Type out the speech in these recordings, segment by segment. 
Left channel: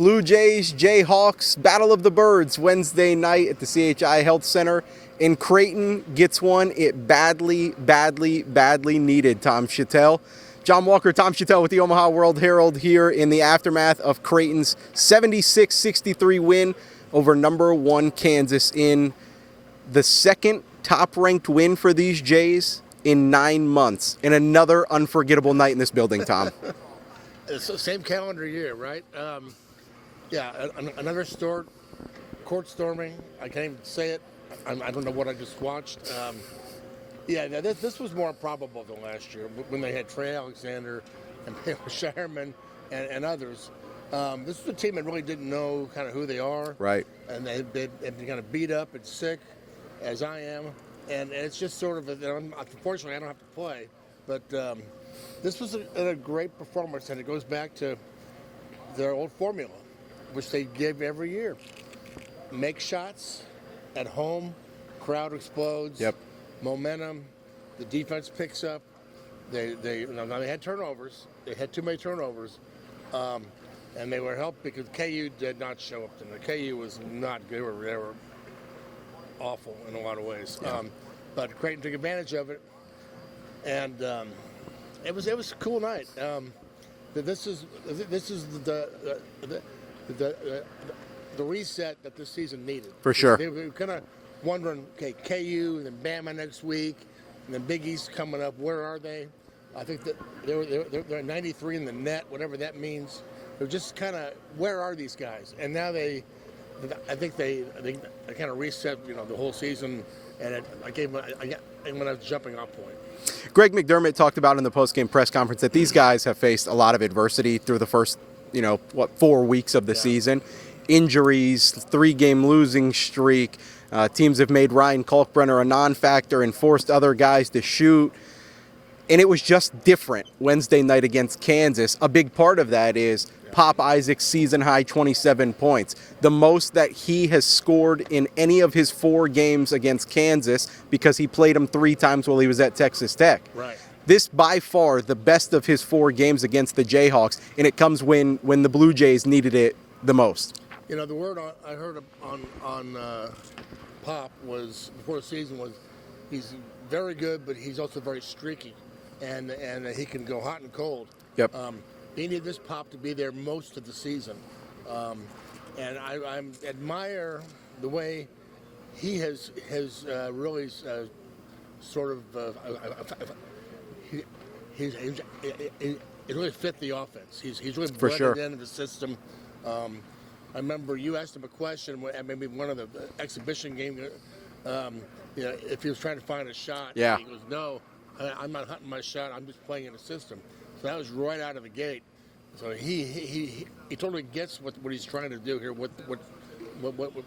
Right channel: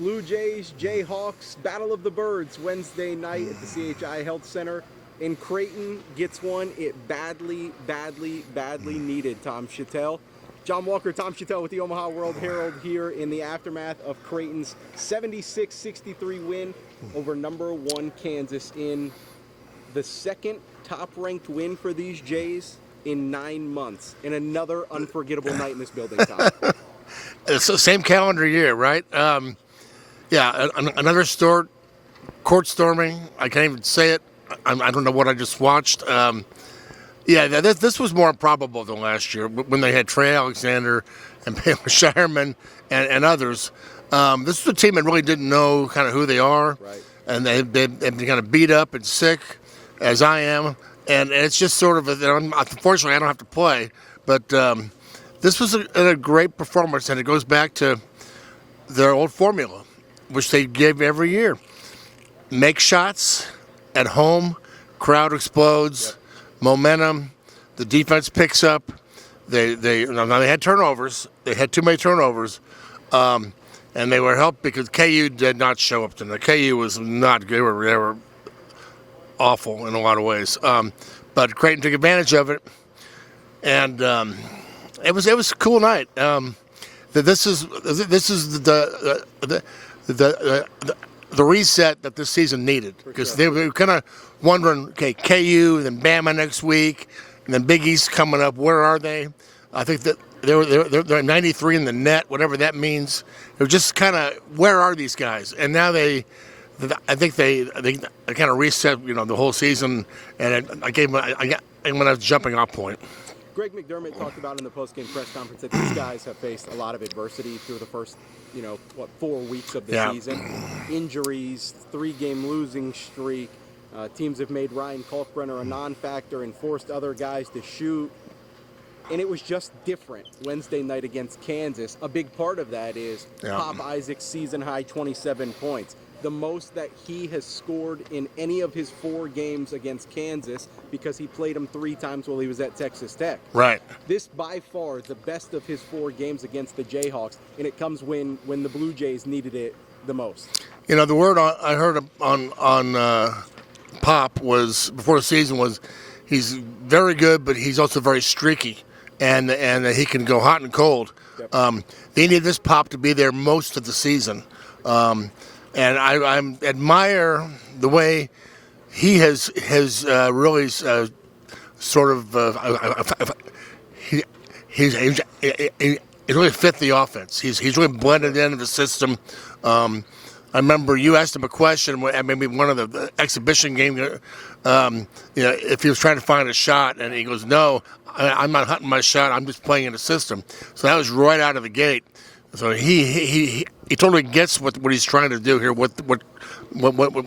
Blue Jays, Jayhawks, Battle of the Birds, Wednesday night at the CHI Health Center in Creighton. Gets one it badly needed, Tom Shatel. John Walker, Tom Shatel with the Omaha World-Herald here in the aftermath of Creighton's 76-63 win over number 1 Kansas in the second top-ranked win for these Jays in 9 months. And another unforgettable night in this building, Tom. It's the same calendar year, right? Another court storming. I can't even say it. I don't know what I just watched. This was more improbable than last year when they had Trey Alexander and Baylor Shireman and others. This is a team that really didn't know kind of who they are. Right. And they've been kind of beat up and sick, as I am. And it's just sort of, unfortunately, I don't have to play. But this was a great performance, and it goes back to their old formula, which they give every year. Make shots at home, crowd explodes. Yep. Momentum, the defense picks up. They had turnovers. They had too many turnovers, and they were helped because KU did not show up tonight. KU was not good. They were awful in a lot of ways. But Creighton took advantage of it, and it was a cool night. This is the reset that this season needed. For sure. They were kind of wondering, okay, KU, and then Bama next week, and then Big East coming up. Where are they? I think that they're 93 in the net, whatever that means. They're just kind of, where are these guys? And now I think they kind of reset, the whole season, and I gave them a jumping off point. Greg McDermott talked about in the post-game press conference that these guys have faced a lot of adversity through the first 4 weeks of the season. Injuries, 3-game losing streak. Teams have made Ryan Kalkbrenner a non-factor and forced other guys to shoot. And it was just different Wednesday night against Kansas. A big part of that is Pop Isaac's season-high 27 points. The most that he has scored in any of his 4 games against Kansas because he played them 3 times while he was at Texas Tech. Right. This, by far, the best of his 4 games against the Jayhawks, and it comes when the Blue Jays needed it the most. The word I heard on Pop was, before the season, was he's very good, but he's also very streaky. And he can go hot and cold. Yep. They need this Pop to be there most of the season. And I admire the way he has really sort of he's really fit the offense. He's really blended into the system. I remember you asked him a question at maybe one of the exhibition games, if he was trying to find a shot, and he goes, "No, I'm not hunting my shot. I'm just playing in the system." So that was right out of the gate. So he totally gets what he's trying to do here. What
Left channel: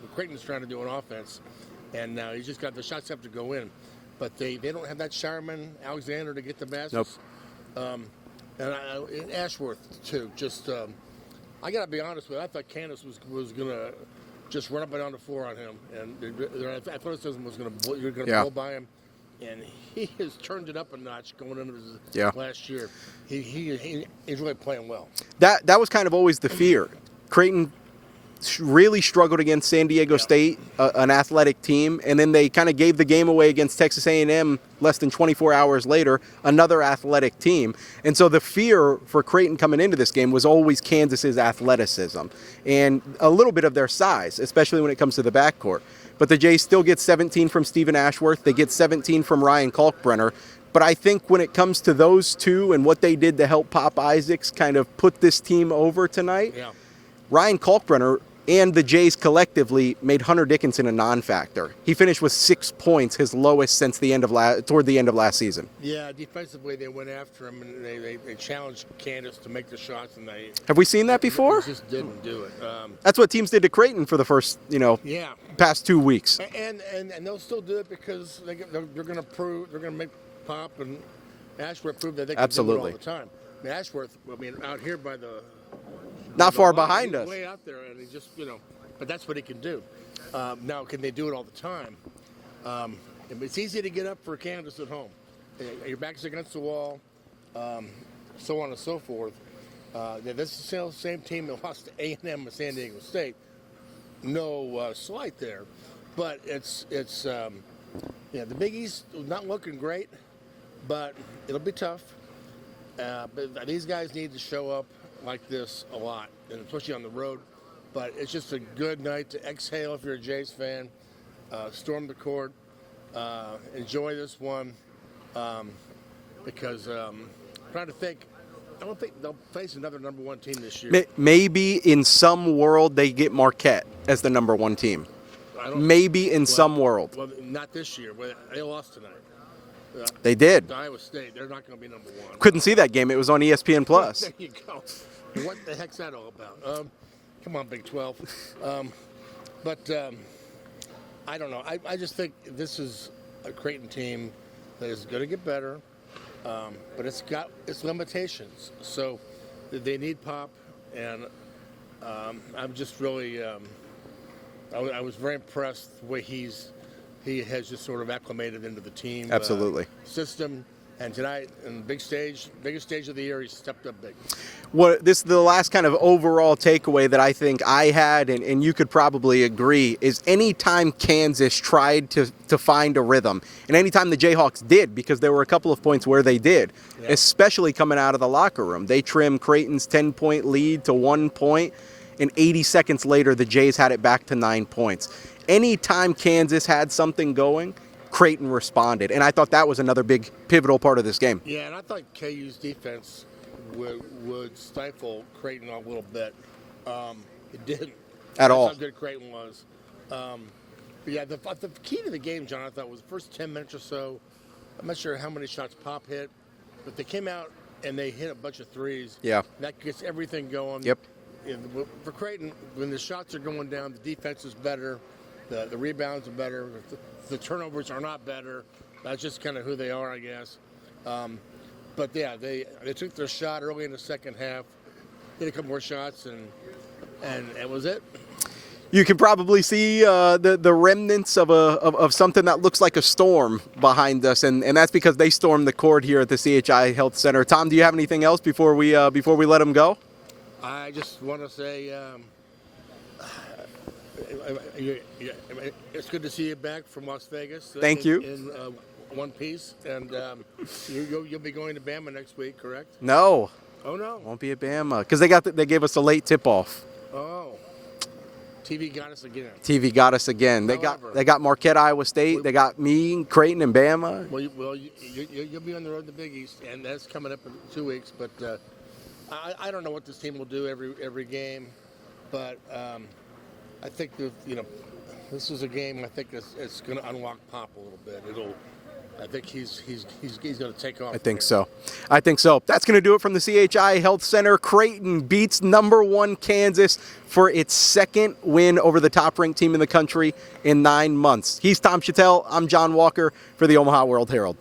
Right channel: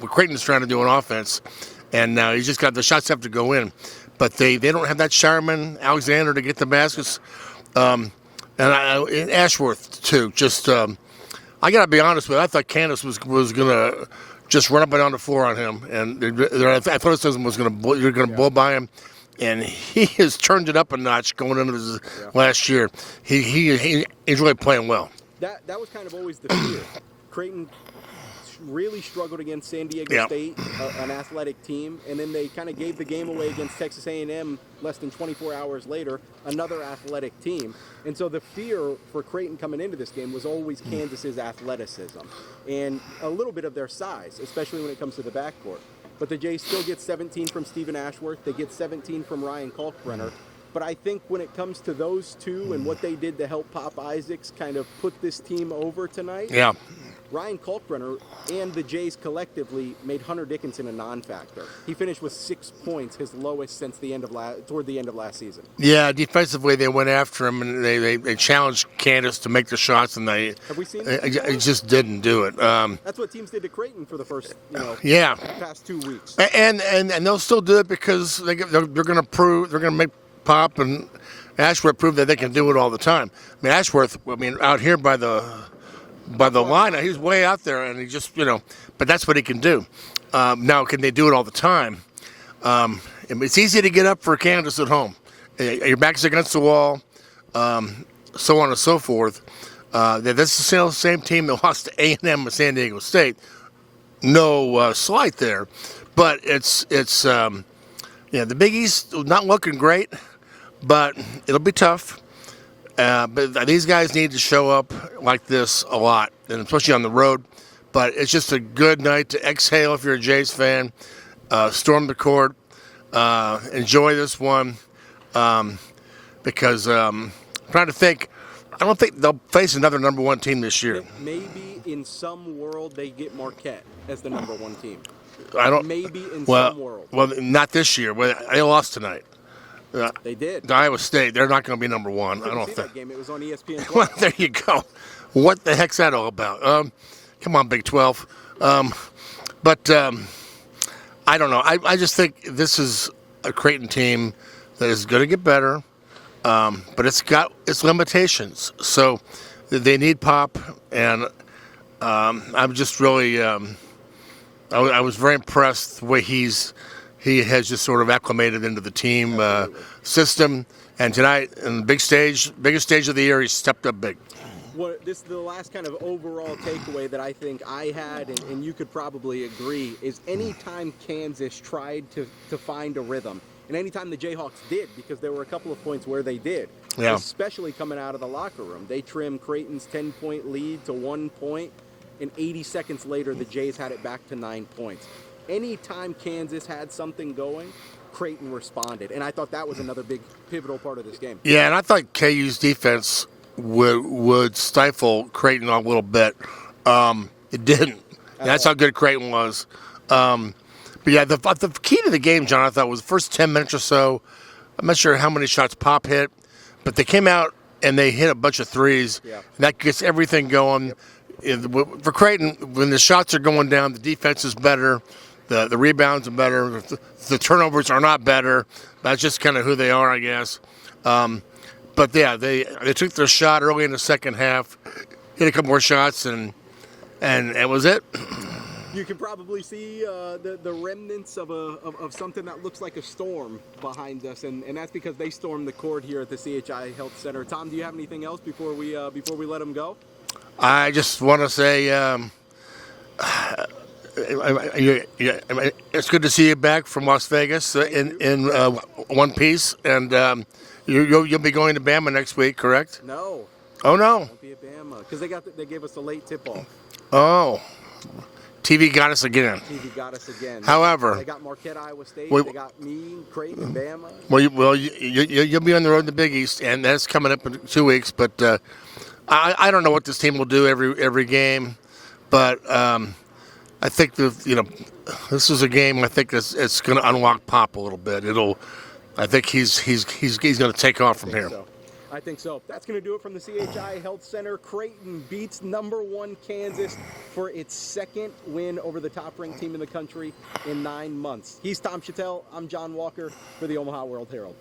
Creighton's trying to do on offense, and now he's just got the shots have to go in, but they don't have that Shireman, Alexander to get the baskets, and Ashworth too. Just I gotta be honest with you. I thought Candace was gonna just run up and down the floor on him, and their athleticism was gonna blow by him. And he has turned it up a notch going into this last year. He's really playing well. That was kind of always the fear. Creighton really struggled against San Diego State, an athletic team, and then they kind of gave the game away against Texas A&M less than 24 hours later, another athletic team. And so the fear for Creighton coming into this game was always Kansas's athleticism and a little bit of their size, especially when it comes to the backcourt. But the Jays still get 17 from Stephen Ashworth. They get 17 from Ryan Kalkbrenner. But I think when it comes to those two and what they did to help Pop Isaacs kind of put this team over tonight, Ryan Kalkbrenner and the Jays collectively made Hunter Dickinson a non-factor. He finished with 6 points, his lowest since toward the end of last season. Yeah, defensively they went after him and they challenged Candace to make the shots, and have we seen that before? They just didn't do it. That's what teams did to Creighton for the first past 2 weeks. And they'll still do it because they're going to make Pop and Ashworth prove that they can do it all the time. I mean, Ashworth, out here by the line, he's way out there, and he just, but that's what he can do. Now, can they do it all the time? It's easy to get up for Candace at home. Your back's against the wall, so on and so forth. This is the same team that lost to A&M and San Diego State. No slight there, but it's the Big East not looking great, but it'll be tough. But these guys need to show up like this a lot, and especially on the road. But it's just a good night to exhale if you're a Jays fan. Storm the court, enjoy this one, because I'm trying to think. I don't think they'll face another number one team this year. Maybe in some world they get Marquette as the number one team. Maybe in some world. Well, not this year. They lost tonight. They did. Iowa State. They're not going to be number one. Couldn't see that game. It was on ESPN Plus. There you go. What the heck's that all about? Come on, Big 12. But I don't know. I just think this is a Creighton team that is going to get better, but it's got its limitations. So they need pop, and I'm just really I was very impressed the way he has just sort of acclimated into the team system. And tonight, in the biggest stage of the year, he stepped up big. This is the last kind of overall takeaway that I think I had, and you could probably agree, is anytime Kansas tried to find a rhythm, and anytime the Jayhawks did, because there were a couple of points where they did, especially coming out of the locker room. They trimmed Creighton's 10-point lead to 1 point, and 80 seconds later, the Jays had it back to 9 points. Anytime Kansas had something going, Creighton responded, and I thought that was another big pivotal part of this game. Yeah, and I thought KU's defense would stifle Creighton a little bit. It didn't. That's how good Creighton was. But yeah, the key to the game, John, I thought was the first 10 minutes or so. I'm not sure how many shots Pop hit, but they came out and they hit a bunch of threes. Yeah. That gets everything going. Yep. For Creighton, when the shots are going down, the defense is better. The rebounds are better. The turnovers are not better. That's just kind of who they are, I guess. But yeah, they took their shot early in the second half, hit a couple more shots, and it was it. You can probably see the remnants of something that looks like a storm behind us, and that's because they stormed the court here at the CHI Health Center. Tom, do you have anything else before we let them go? I just want to say it's good to see you back from Las Vegas. Thank you. In one piece, and you'll be going to Bama next week, correct? No. Oh no. Won't be at Bama because they gave us a late tip-off. Oh. TV got us again. TV got us again. However, they got Marquette, Iowa State. They got me, Creighton, and Bama. Well, you'll be on the road to the Big East, and that's coming up in 2 weeks. But I don't know what this team will do every game, but I think this is a game. I think it's going to unlock Pop a little bit. I think he's going to take off from here. I think so. That's going to do it from the CHI Health Center. Creighton beats number 1 Kansas for its second win over the top-ranked team in the country in 9 months. He's Tom Shatel. I'm John Walker for the Omaha World-Herald.